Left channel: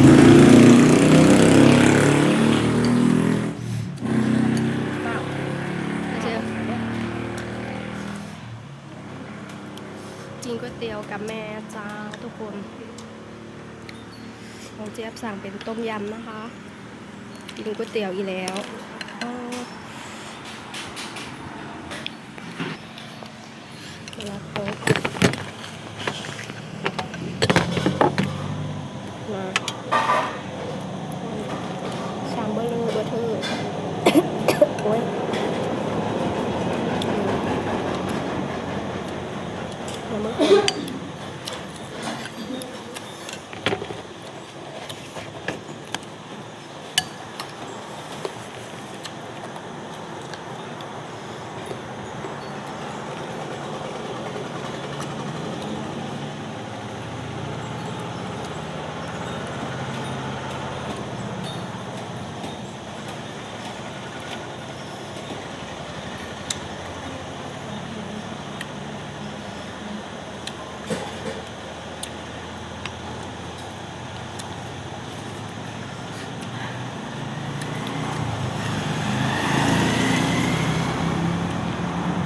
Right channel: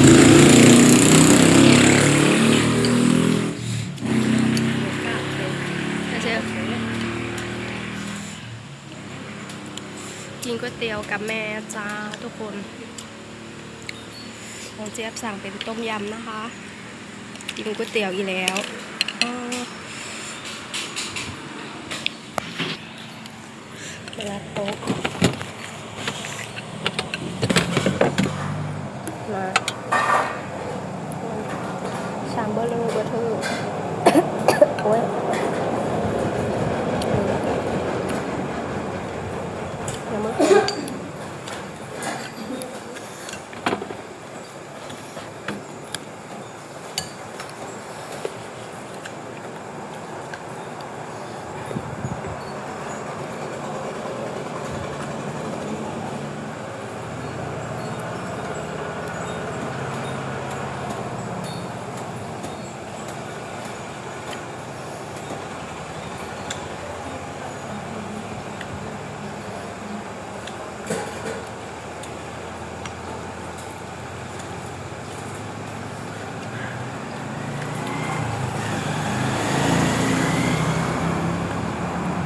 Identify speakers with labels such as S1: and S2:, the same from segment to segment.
S1: กินก๋วยเตี๋ยวกับแม่จ้าทุกคนของเจี๊ยบสั่งเป็นต้มยำนะคะ กินก๋วยเตี๋ยวอีกแล้วเออเวลาโต๊ะมา ชามเบอร์เลอร์เบอร์เทอร์ โอ้ยน้ำมันข้น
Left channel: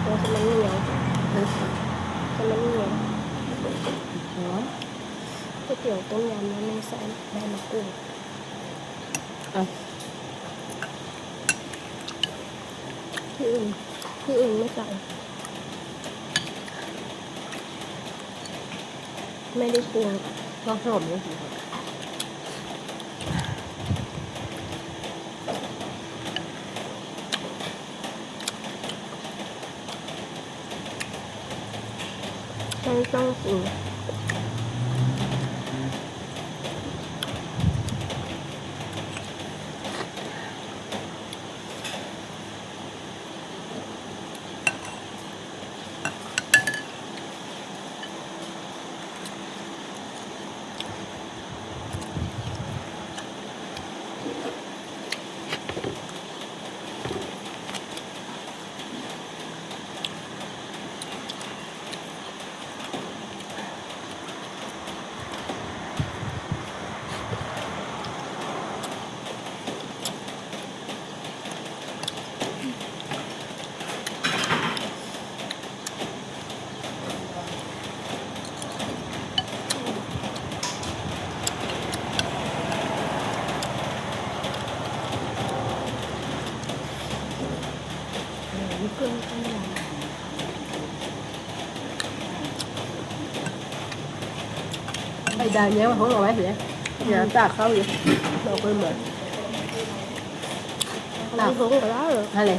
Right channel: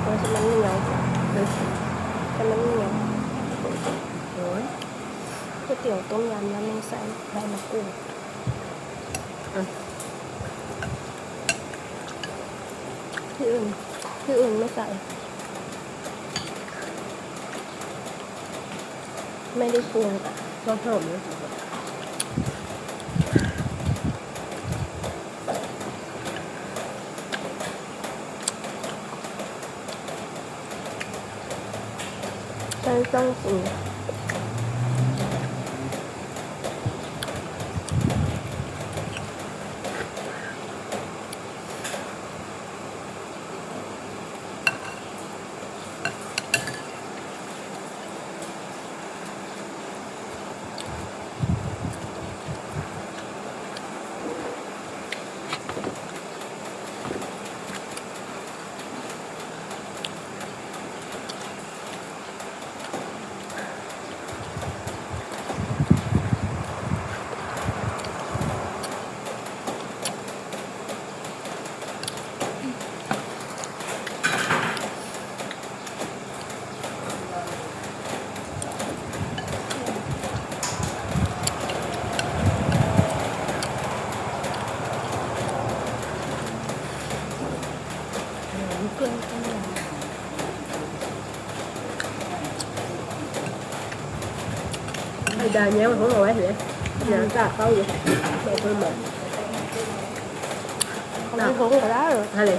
S1: โอ้ยจะมันเหนียวจะมันเหนียว
S2: โอ้ย
S1: ก๋ว ยเตี๋ยวต้มยำแล้วไม่ใส่ใบมะกรูด
S2: อะ
S1: ที่อื่นที่อื่นไม่ใส่ ไม่ได้ปรุง
S2: แล้วขนมด้วย
S1: ไม่ต้องปรุง
S2: จานเนี้ยมันเขาเอาไว้เหรอเดี๋ยวตากเข้าอยู่เอาเพิ่มหน่อย
S1: เขาไม่ท้องก็ได้เหรอ
S2: อะไร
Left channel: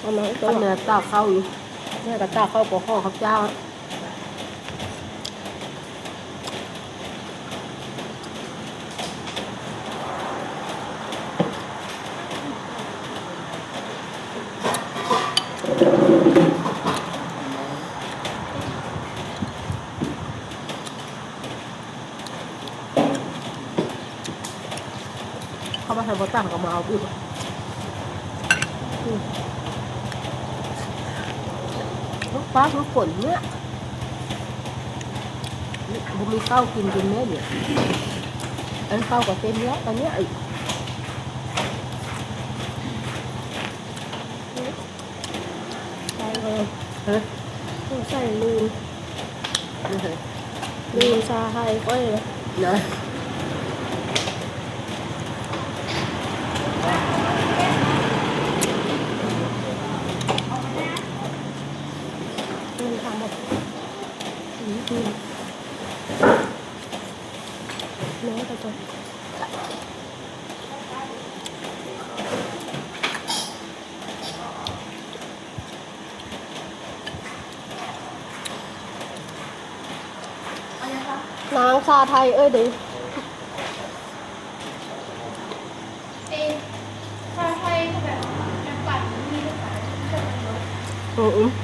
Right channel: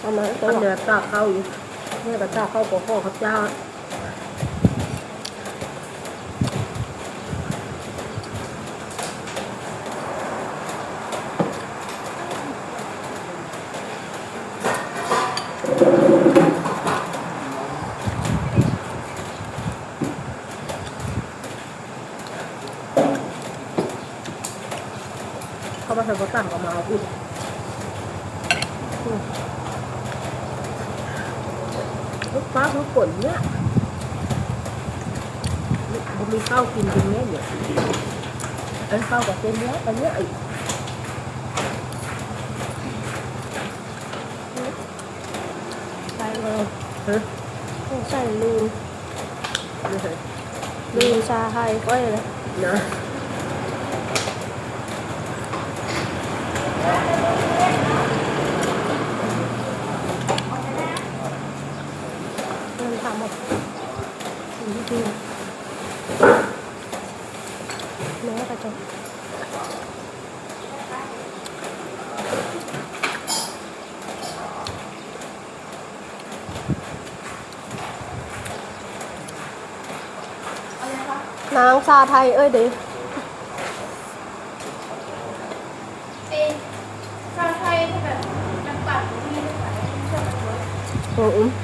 S1: เอามาตัว
S2: เดี๋ยวตากเข้าอยู่ไม่ก็ตากเข้ากับข้าวข้าวเจ้า เขามาทำข้าวตั้งก็มาเอาอีกลูกฟ้าเขาฝนเนี่ยมันมีข้าวกินกินเนี่ยเนี่ยอันข้าวกับเป็นเนี้ยอันเนี้ยไอ้
S1: ใส่เลย
S2: ฮะ
S1: ต้องใส่ลืม
S2: นี่เลย
S1: ลืมชาไทยก้อยเลย
S2: เนาะ
S1: ลืมทำหมดเนื้อกร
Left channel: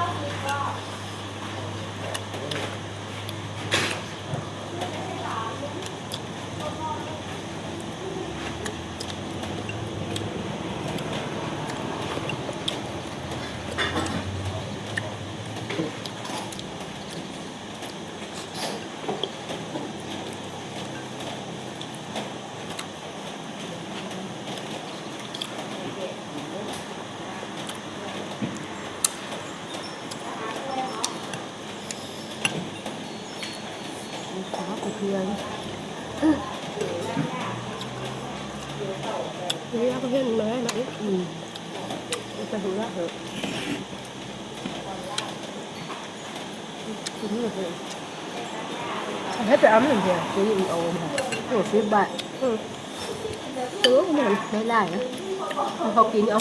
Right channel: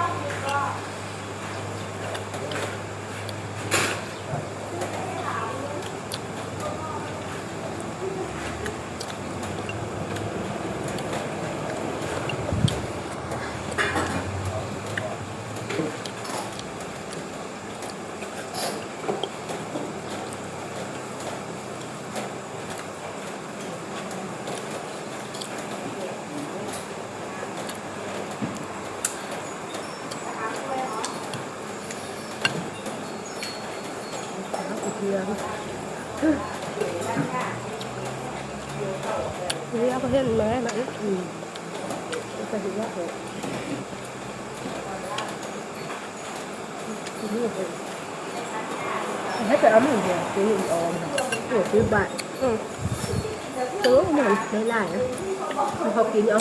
S1: นี่เอา
S3: ไป
S1: เห็นไหมไหม
S2: อืมไปถึงว่าเปิดให้ไปเอาหนึ่งเดียวซื้ออีกออมโอ้ซื้อบาท
S1: อืมตัวเหมือน
S2: ซื้อได้นะเขากินเอา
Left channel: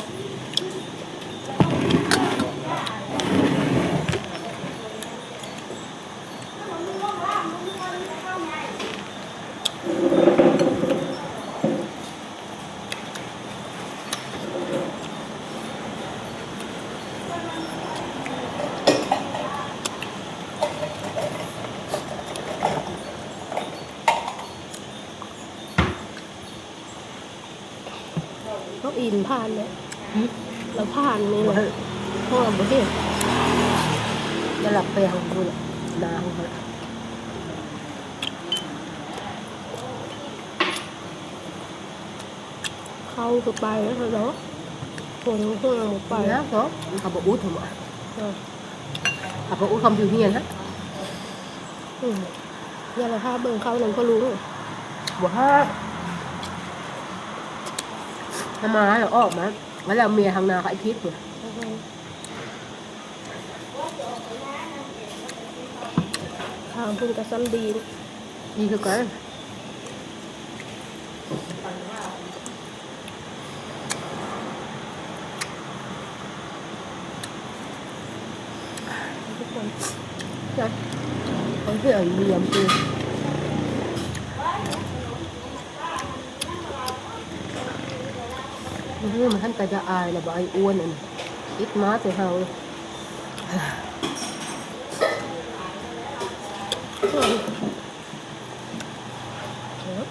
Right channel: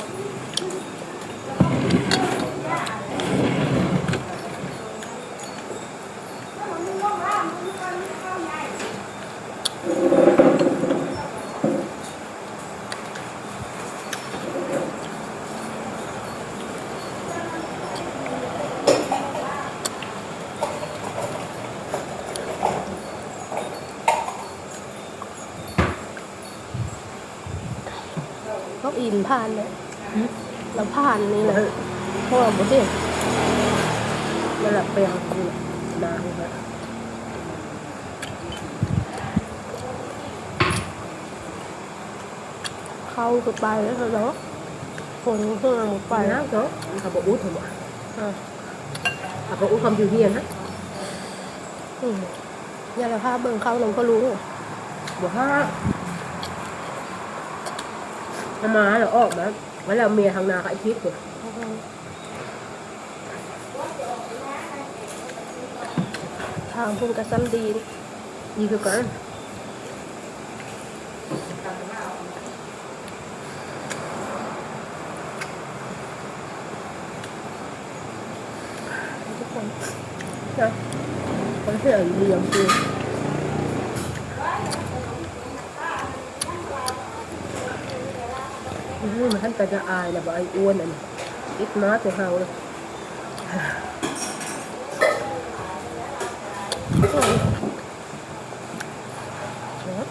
S1: เขาอินผ่านเลยเราผ่านนี่เลยเพราะว่าบ่เห็น
S2: แล้วหลับไปหาคุณนาคุณ
S1: เข้าคือไปแล้วเนาะคนเครื่องไป
S2: นะเนาะเขาบอกอู้ทำไม
S1: อะ
S2: เขาบอกอู้คำอยู่เนี่ยนะ
S1: อืมอย่าละท่าเบิ่งเข้าหนึ่งก็รู้
S2: บอกว่า ทำมาเราออกมาแล้วเราเมียทางนาเขาไอ้พิษอยู่
S1: ทางพุ่งกระซ้ำดีน
S2: ดีคือกัน
S1: ทุกคน
S2: นะเขาเสียเรียมคือ มันท่านก็จะอายนะบอกไอ้อ้วนอะนอิดมาแต่เฮา
S1: ส่วนเดี๋ยว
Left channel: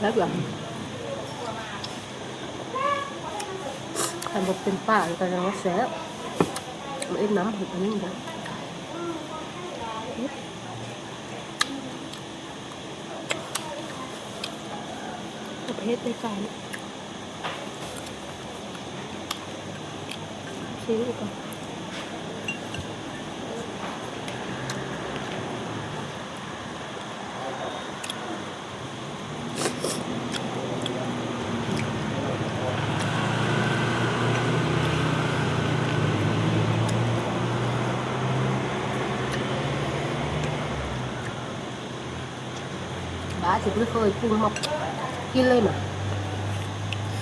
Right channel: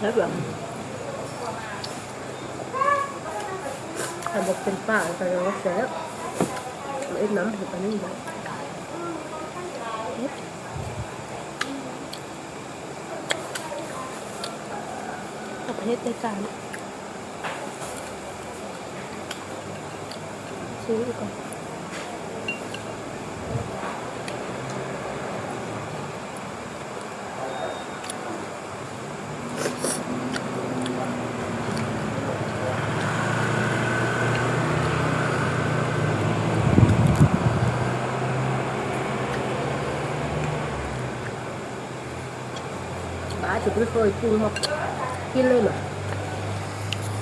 S2: แล้วแบบทำบอกเป็นป้าแต่เราแซ่บมาเอ็ดน้ำถึงอันนี้เลย
S1: เอาเพชรในกา
S2: ร งหรอกกินเลยเหรอ